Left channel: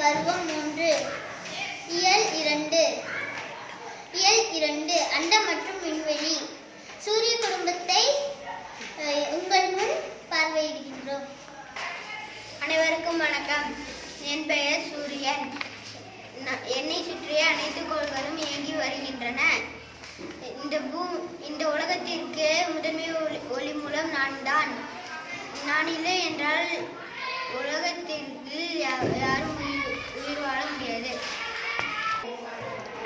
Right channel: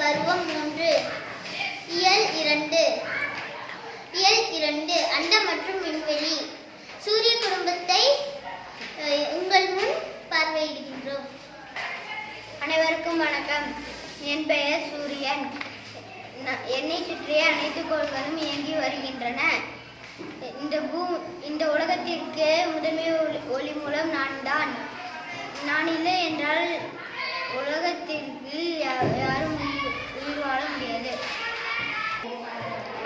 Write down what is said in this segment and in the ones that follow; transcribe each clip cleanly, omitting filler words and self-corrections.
பருவம் 3 இயல் 2 அண்டம் மற்றும் விண்வெளி. சூரிய குடும்பத்தை உங்கள் முன் பார்வையிடுகின்றோம். அனைவருக்கும் வணக்கம். என் பெயர் சூரியன். என்னை சுற்றிய அனைத்து கோள்களும் இயங்கி வருகின்றன. இந்த உலகத்திற்கு முதன்மை ஒளி மூலம் நான் தான். நான் இல்லை என்றால் உலகத்திற்கு யாரும் உயிர் வாழ முடியாது.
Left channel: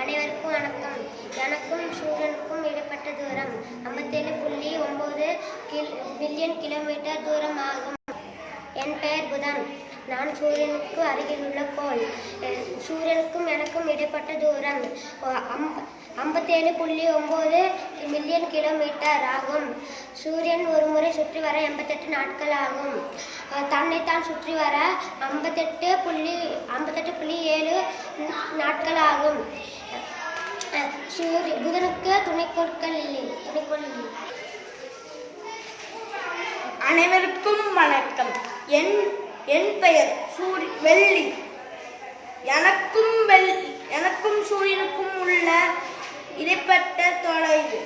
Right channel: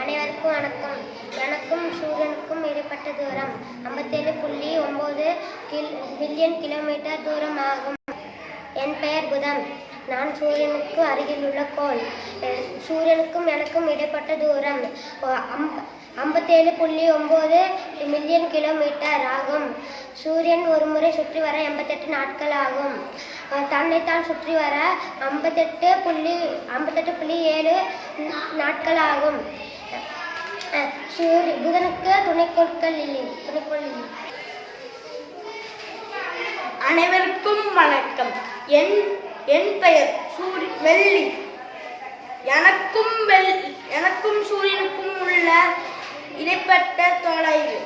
அனைவருக்கும் வணக்கம். எனக்கும் சூரியனுக்கும் இடைப்பட்ட தூரம் 57.9 பில்லியன் கிலோமீட்டர் தூரம் ஆகும். என் பெயர் புதன். நான் சூரியனுக்கு அருகில் உள்ள கோள். சூரியனுக்கும் எனக்கும் இடைப்பட்ட தூரம் 57.9 மில்லியன் கிலோமீட்டர் ஆகும். சூரியன் ஒரு முறை சுற்றி வர 88 நாட்கள் ஆகும். தன்னைத்தான் சுற்றி வர 58.7 நாட்கள் ஆகும். புதனுக்கு துணைக்கோள் இல்லை. அனைவருக்கும் வணக்கம். என் பெயர் வெள்ளி. எனக்கும் சூரியனுக்கும் உள்ள இடைப்பட்ட தொலைவு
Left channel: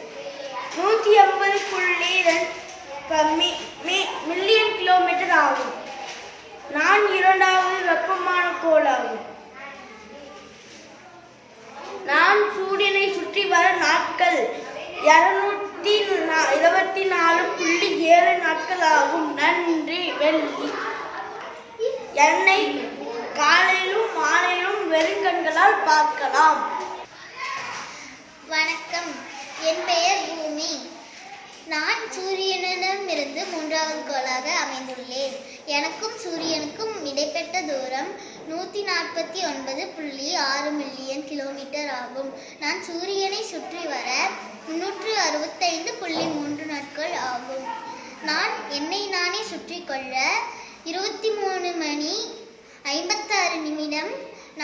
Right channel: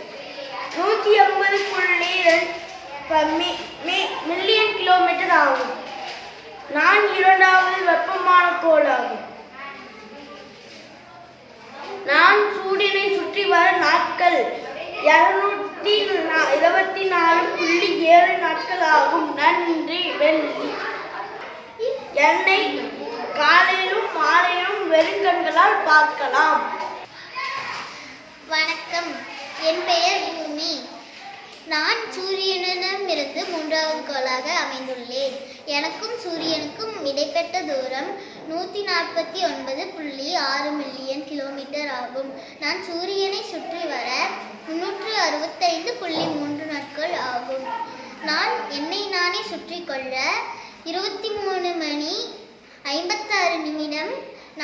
180.2 மில்லியன் கிலோமீட்டர் ஆகும். நான் இரண்டாவது வெப்பமான கோள் ஆகும். நான் சூரியனை சுற்றி வர நாட்கள் 224.7 நாட்கள் ஆகும். நன்றி வெள்ளி. என்னை காலையிலும் மாலையிலும் வெறுங்கண்களால் பார்க்கலாம். வணக்கம். என் பெயர் பூமி. நான் சூரியனிடமிருந்து 3வது கோளாக அமைந்துள்ளேன். எனக்கும் சூரியனுக்கும் இடைப்பட்ட தூரம் 149.6 மில்லியன் கிலோமீட்டர் ஆகும். நான் சூரியனை சுற்றி வர 365.3 நாட்கள் ஆகும். நான் என்னை நானே சுற்றி கொள்ள 23 மணி 56 நிமிடம்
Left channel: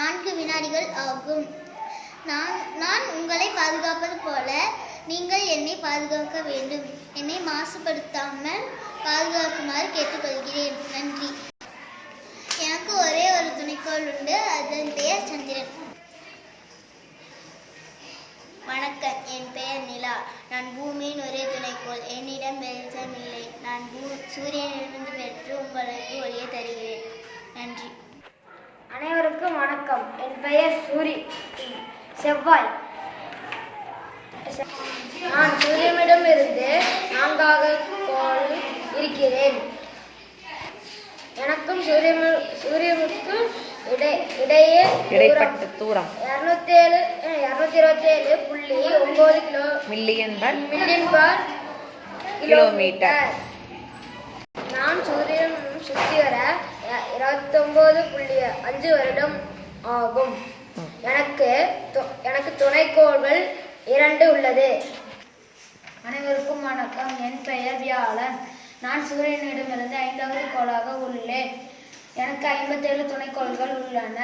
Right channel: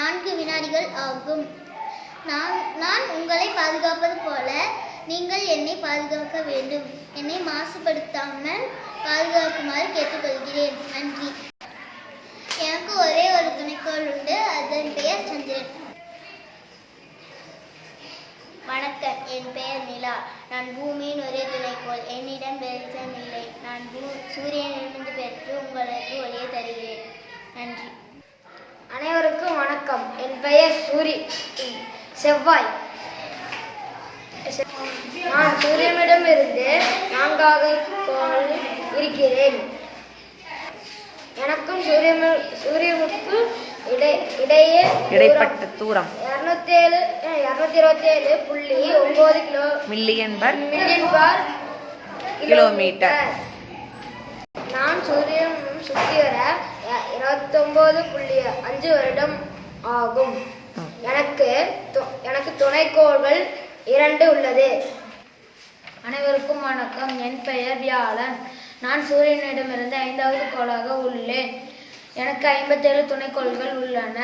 4 வினாடிகள் ஆகும். நான் உங்களை பாதுகாப்பது போல நீங்கள் என்னை பாதுகாக்க வேண்டும். என்னை மாசுபடுத்தாமல் பாதுகாக்குமாறு கேட்டுக்கொள்கிறேன். நன்றி. எனக்கு ஒரே ஒரு துணைக்கோள் உண்டு. அதன் பெயர் சந்திரன். வணக்கம். என் பெயர் நிலா. நான் பூமியின் ஒரே துணைக்கோள். என்னிடம் வெளிச்சம் இல்லை. நான் சூரியனிலிருந்து பெற்று உங்களுக்கு ஒளியை தருகிறேன். நன்றி. அனைவருக்கும் வணக்கம். என் பெயர் செவ்வாய். நான் சூரியனிடமிருந்து 4வது கோள் இருக்கிறேன். எனக்கும் சூரியனுக்கு இடைப்பட்ட தூரம் 227.9 மில்லியன் கிலோமீட்டர். நான் சூரியன் சுற்றி வர 29.5 வருடம் ஆகும். எனக்கு துணைக்கோள்கள் 2 உள்ளது. அனைவருக்கும் வணக்கம். என் பெயர் வியாழன். நான் சூரியனிடமிருந்து 5வது கோளாக உள்ளேன். எனக்கு 57 துணைக்கோள்கள் உள்ளன.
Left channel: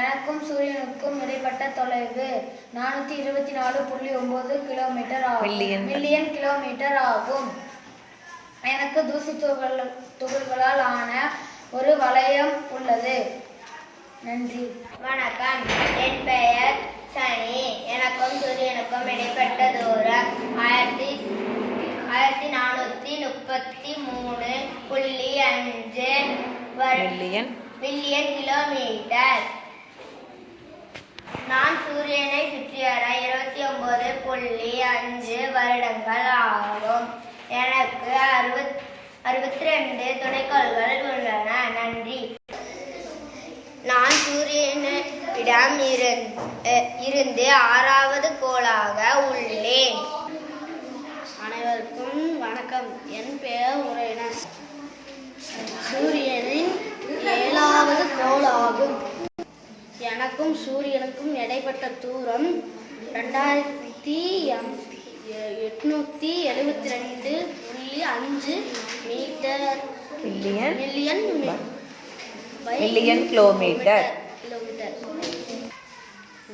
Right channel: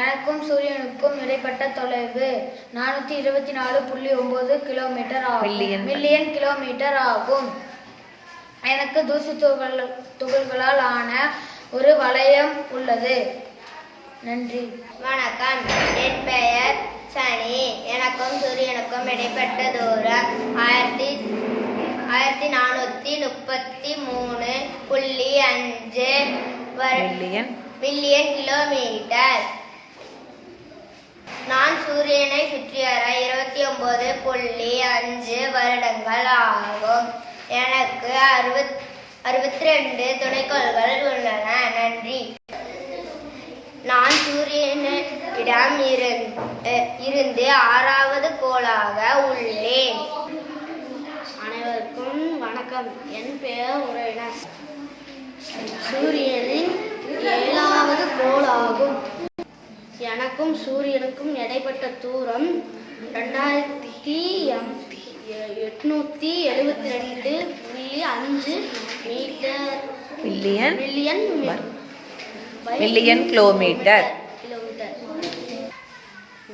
எனக்கும் சூரியனுக்கும் இடைப்பட்ட தொலைவு 424.9 கிலோமீட்டர் ஆகும். மில்லியன் கிலோமீட்டர் ஆகும். எனக்கு தூசி துகள்களால் ஆன ஒரு வளையம் உள்ளது. நன்றி. வணக்கம். என் பெயர் சனி. எனக்கும் சூரியனுக்கும் இடைப்பட்ட தூரம் 1433.5 மில்லியன் கிலோமீட்டர். நான் சூரியனை சுற்றி வர 29.5 வருடங்கள் ஆகும். எனக்கு 62 துணைக்கோள்கள் உள்ளன. நன்றி. நான் சூரியனிடம் இருந்து 6வது கோளாக உள்ளேன். அனைவருக்கும் வணக்கம். என் பெயர் உரையன். சூரியனின் 7வது கோள் ஆகும். எனக்கும் சூரியனுக்கும் இடைப்பட்ட தூரம் 2872.5 மில்லியன் கிலோமீட்டர்.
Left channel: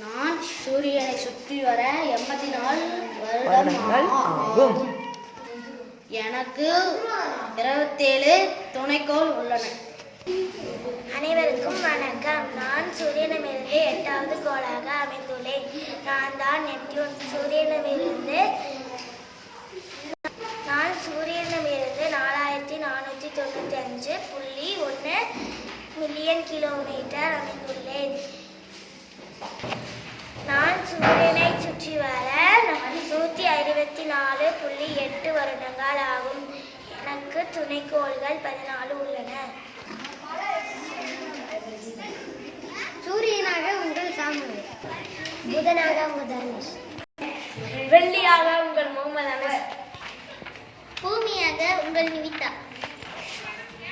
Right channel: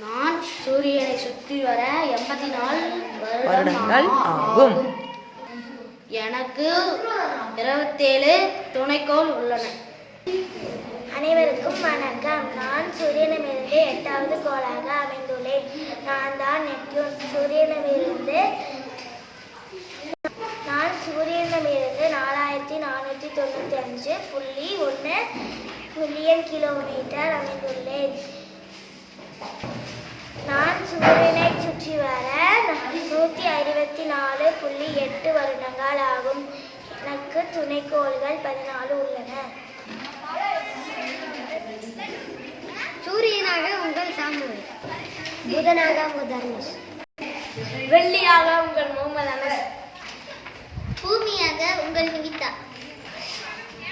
நான் சூரியனை சுற்றி வர 84 வருடங்கள் ஆகும். எனக்கு 27 துணைக்கோள் உள்ளன. அனைவருக்கும் வணக்கம். நான் சூரியனிலிருந்து 8வது கோளாக அமைந்துள்ளேன். நான் தான் நெப்டியூன். சூரியனிலிருந்து 4495.1 மில்லியன் கிலோமீட்டர் அமைந்துள்ளேன். நான் சூரியனை சுற்றி வர 164.8 வருடங்கள் ஆகும். எனக்கு துணைக்கோள்கள் 14 உள்ளன. சூரியனாக உங்கள் சாமுவேல். புதனாக முதல். வெள்ளியாக உங்கள் முகமது அனஸ். பூமியாக உங்கள் நிகிதா.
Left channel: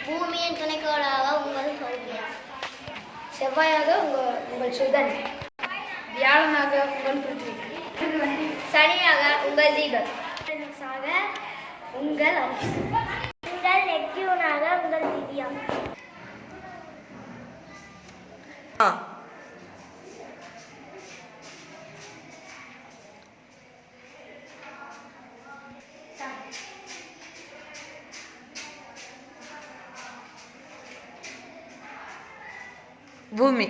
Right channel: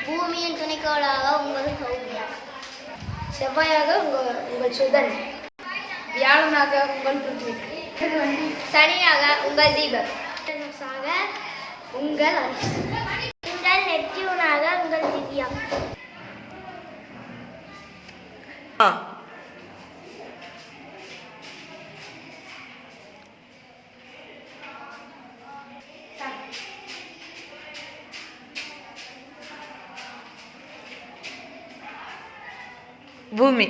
பூமியின் துணைக்கோளாக உங்கள் சௌமியா. செவ்வாயாக உங்கள் சுதன். வியாழனாக உங்கள் பிருத்திவி. சனியாக உங்கள் தீபக். உங்கள் உங்கள் நெப்டியூனாக உங்கள் திவ்யா. பூமி.